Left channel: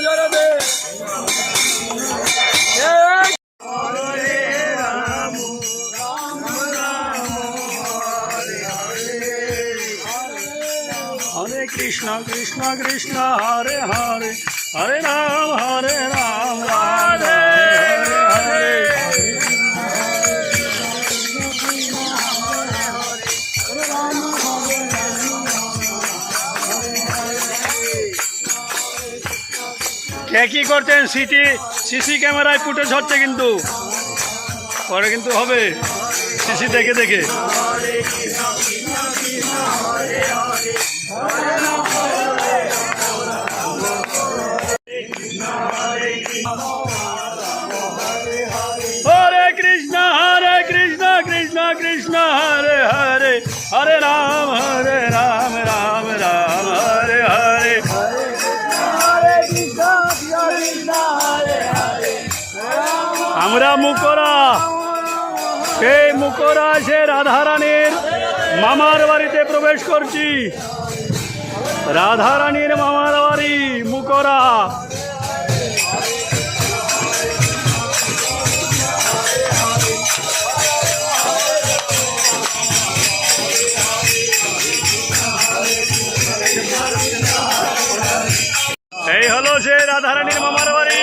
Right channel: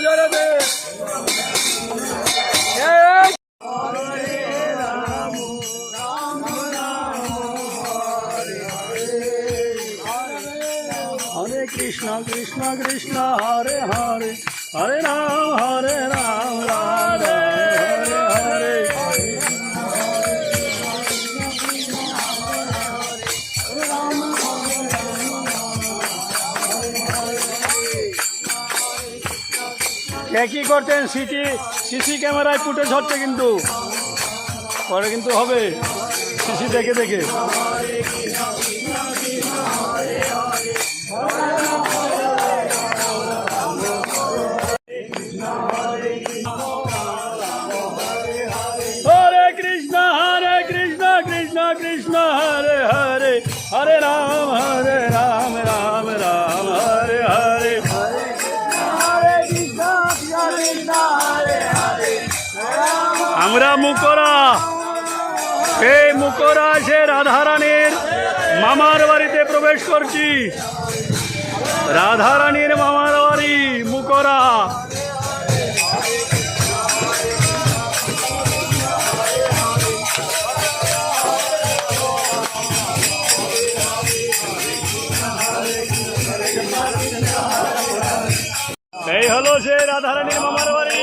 ज़ोर पे हरे कृष्ण कृष्ण कृष्ण हरे हरे हरे राम हरे राम राधे हरे हरे কি করছেন? সিটি, সিসি ক্যামেরায় ফুটেজ হচ্ছে কিন্তু। পরে কিন্তু হবে। সিসি দেখে দেখে। হরে কৃষ্ণ হরে কৃষ্ণ কৃষ্ণ কৃষ্ণ, হরে হরে হরে রাম। আমরা মুকরা। সেই মুকরা সে রাধারানীর মামার বাড়িতে প্রবেশ করছি। রাধারানীর মামার বাড়ি মুকরা। এই হলো সে রাধারানীর মামার বাড়ি।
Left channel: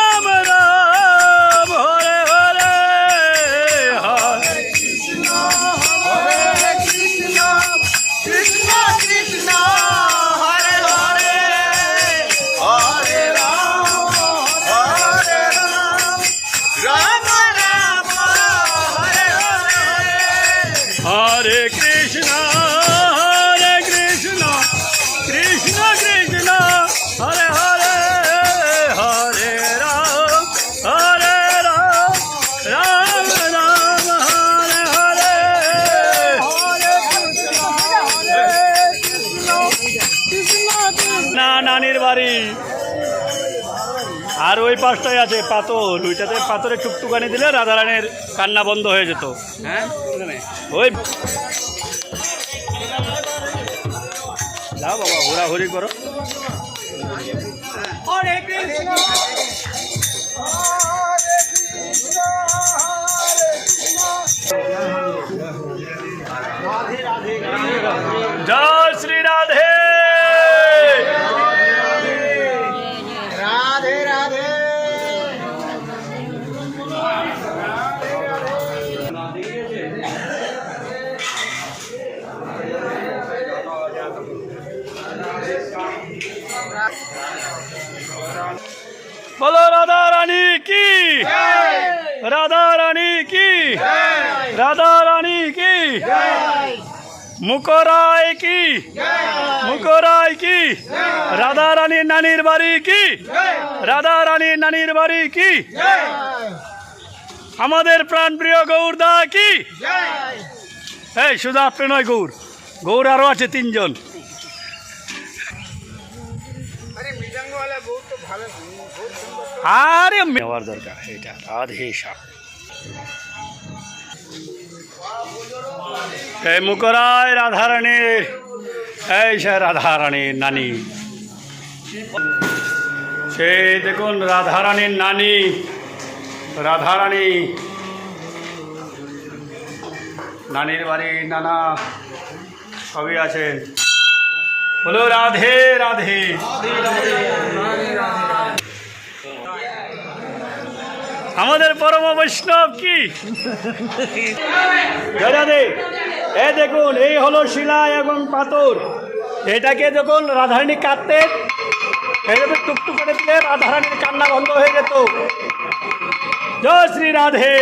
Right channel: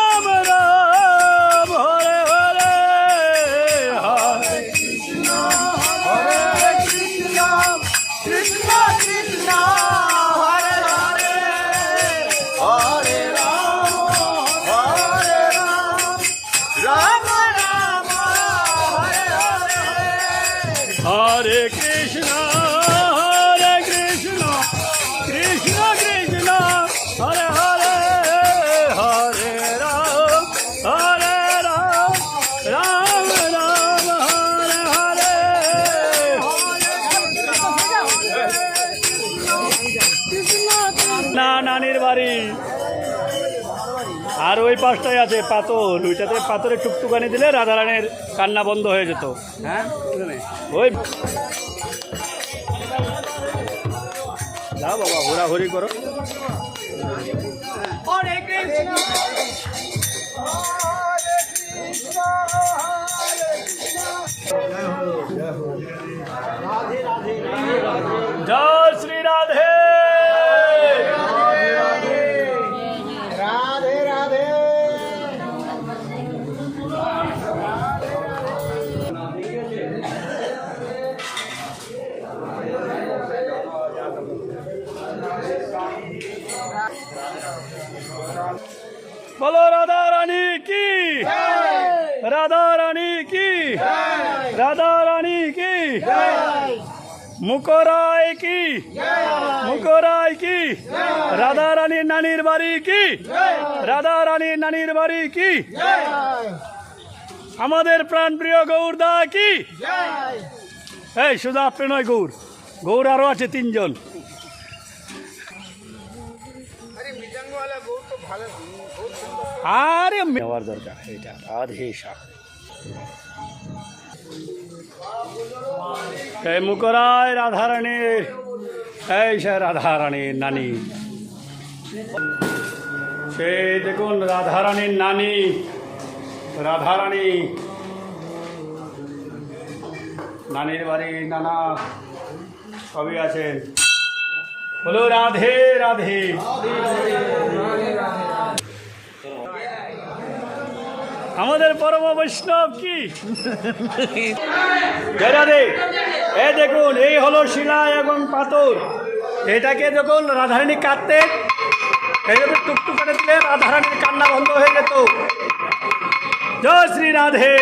কৃষ্ণ, হরে কৃষ্ণ কৃষ্ণ কৃষ্ণ, হরে হরে হরে রাম হরে রাম রাম রাম, হরে হরে। না নানির বাড়ি। আর ওই পাশটাই আছে পাথর। ওইটাতে পাথরে টুকটুকানি দিলে রাধারানীর কান্না বন্ধ হয়ে যেত। ওই যাও বাবা ঘোরাঘুরি করো। বলো, রাধা রানী কি? রাধা রানী কি? রাধা রানী কি? মুকরায় কি? মুকরায় কি? রাধা রানীর নানির বাড়ি কি? রাধা রানীর নানির বাড়ি কি? আমাদের প্রাণপ্রিয় গৌরদা কি? এই, শুধু আপনি নয়, গৌর। গৌর আরও আছে তিনজন। আরে নেওয়ার দরকার, এটা রাধে শ্যাম। এই মুকরায় রাধারানীর এই সে রাধারানীর নানি। সে দেখুন রাধারানীর নানি, রাধারানী। নানির বাড়ি নানা সবই আছেন বলো রাধে রাধে। আমাদের পরম বৈষ্ণব কি? এ দেখুন, এই হলো শিলা এবং পাথর। এটাকে দেখুন রাধারণী কাঁদতেন এইভাবে টুকটুক করে দিলে রাধারানীর কান্না বন্ধ হয়ে যেত। জয় শ্রী রাধে